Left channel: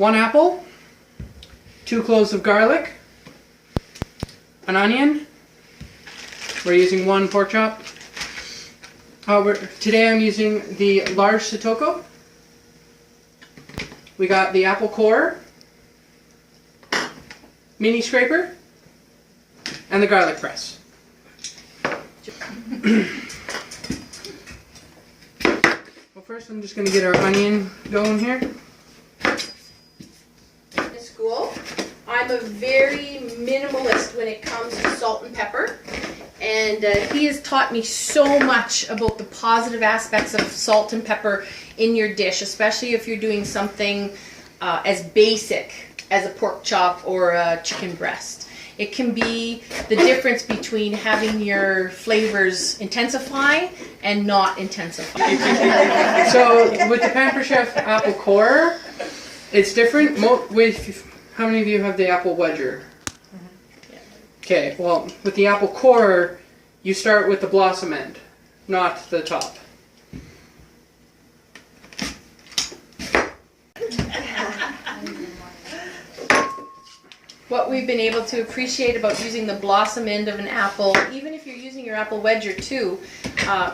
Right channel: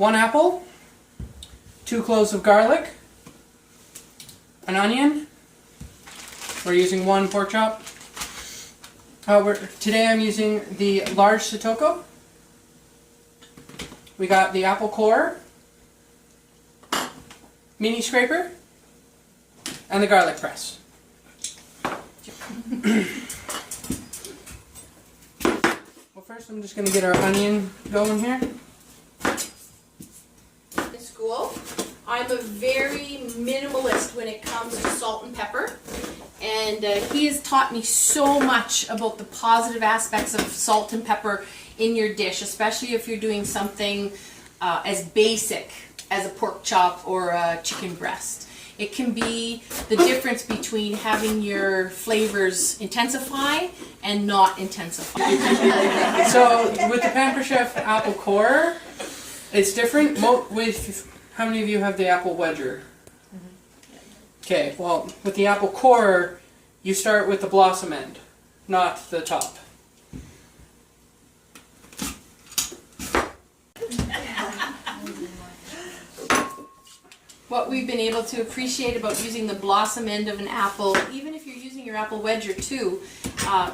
1 apple, 2 cloves of garlic, an onion. We're using 1 pork chop. Today I'm using the large Sotoko. We got the apple core, mini scraper, and the garlic press. Well, first I'm just going to get our onion going here. In school, I'm a very minimalist when it comes to salt and pepper. And he has taught me so much about the positive aspects of salt and pepper in your dish, especially if you're doing something as basic as a pork chop or a chicken breast. It can be the difference between having your flavors intensify and not intensify. So with the Pamper Chef apple core, it's different. How many of you have the apple wedger? Okay, well, with the apple core, you start with the blossom end, not the top. What we've been able to appreciate about using the blossom end of an apple, even if you're using your apple wedger too,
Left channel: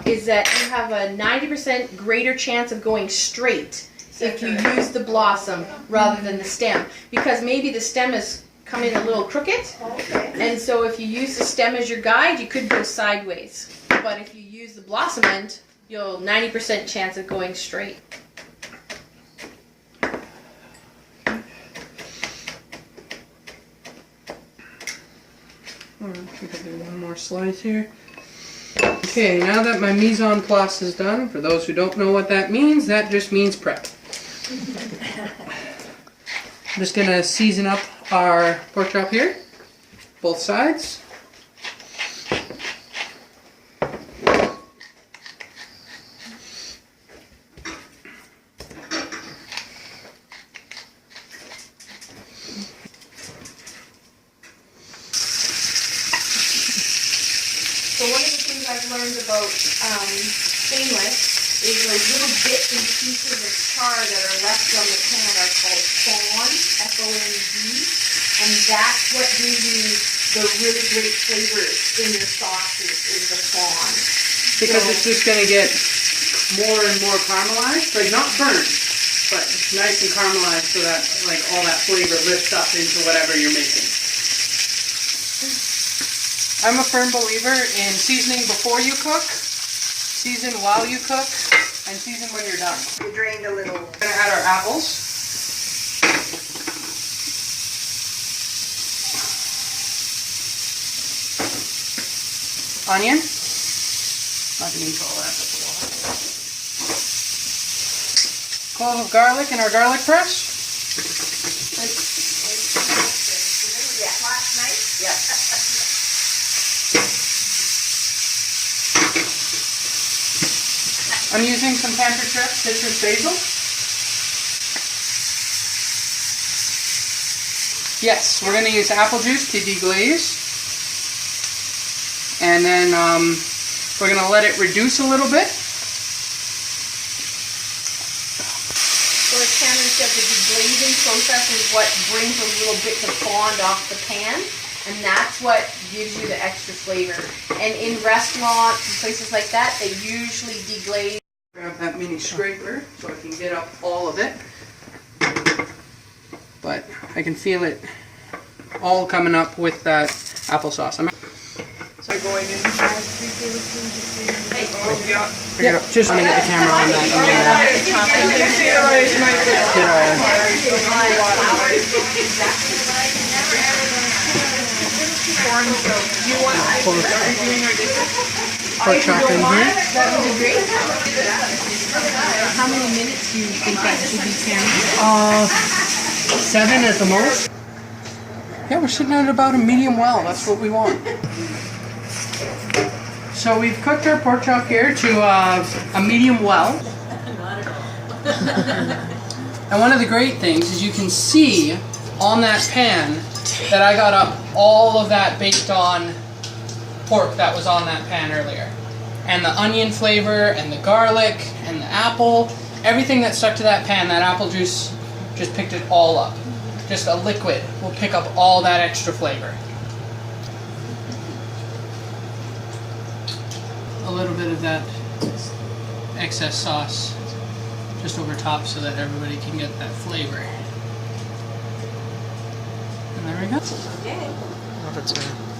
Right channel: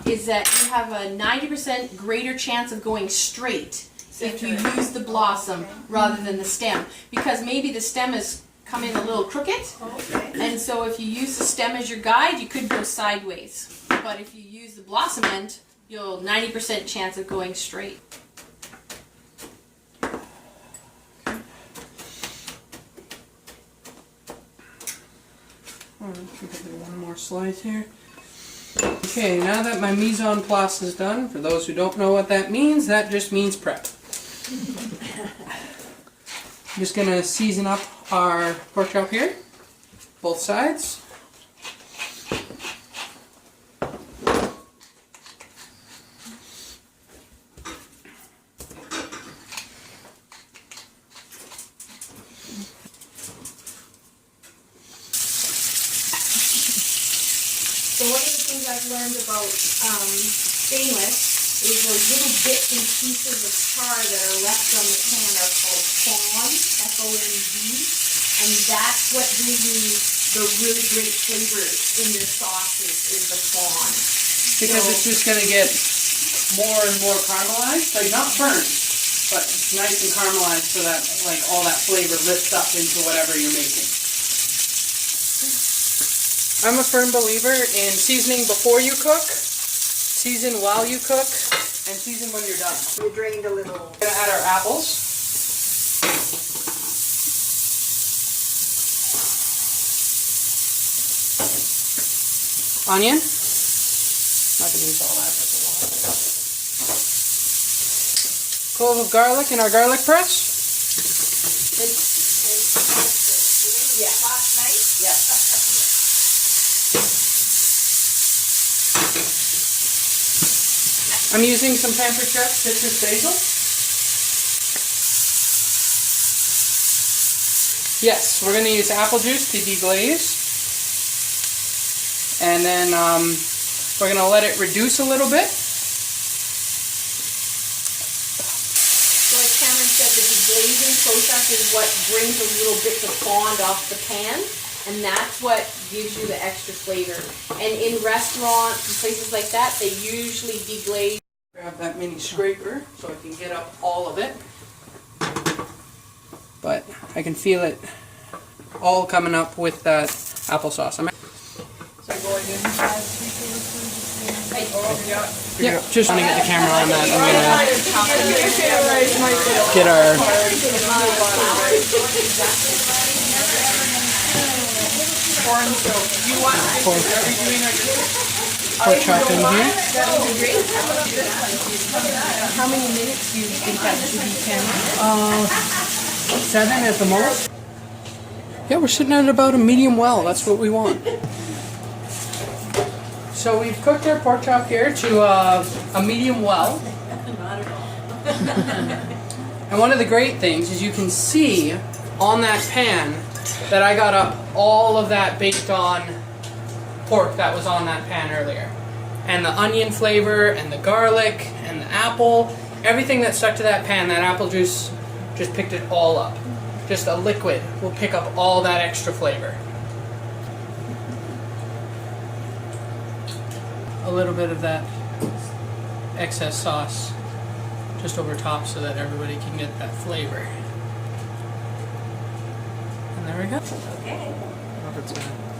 is that you have a 90% greater chance of going straight if you use the blossom rather than the stem. Because maybe the stem is come in a little crooked, and so if you use the stem as your guide, you could go sideways. But if you use the blossom end, you'll 90% chance of going straight. One more slice here. Okay, now that my mise en place is done, for those who don't know what that just means prep. I'm just going to season up our pork chop here, both sides. So one of the things I've learned about stainless is like little bits and pieces of char that are left on the pan are called fond, F-O-N-D, and that's what gives you the really great flavors in your sauces is the fond. Because it's just going to get more and more caramelized, like not burnt, but nice and caramelized so that like all that flavor lifts up into whatever you're making. I'm a firm believer in seasoning before you cook, season while you cook, and season when you're done. We drained a little. We're going to add our apples. Onion. Not going to use all that, that's a lot. Clove of garlic in our garlic press. Yeah. Last night? Yeah. I'm using some Pamper Chef citrus basil. Yes, we're going to use apple juice to deglaze. And then we're going to let it reduce a little bit. So as Cameron said, the deglazing process is what brings those little bits of fond off the pan, and that's what gives you the extra flavor. And in restaurants and places like that, they usually deglaze. Grab that mini scraper so I can get up all of it. But I can feel it all coming up with that applesauce. So going in 5, 3, 4, 3, Yeah, just want to get the camera on that. And get our pork chop in here. How many minutes do you think that should be, Cameron? 7 at the most. Yeah, we're sitting at about a medium well. That's what we want. So we've cooked our pork chop here to a medium well. And one of the great things is you can see on that pan that I got up all of that baked on pork that was on that pan earlier. And the onion flavor and the garlic and the apple, everything that stuck to that pan, that apple juice just picked it all up. Just a liquid will pick up all that extra flavor. A little bit of that excess sauce just over top so that everybody can get that flavor. And there we go. Okay. I don't know if it's gonna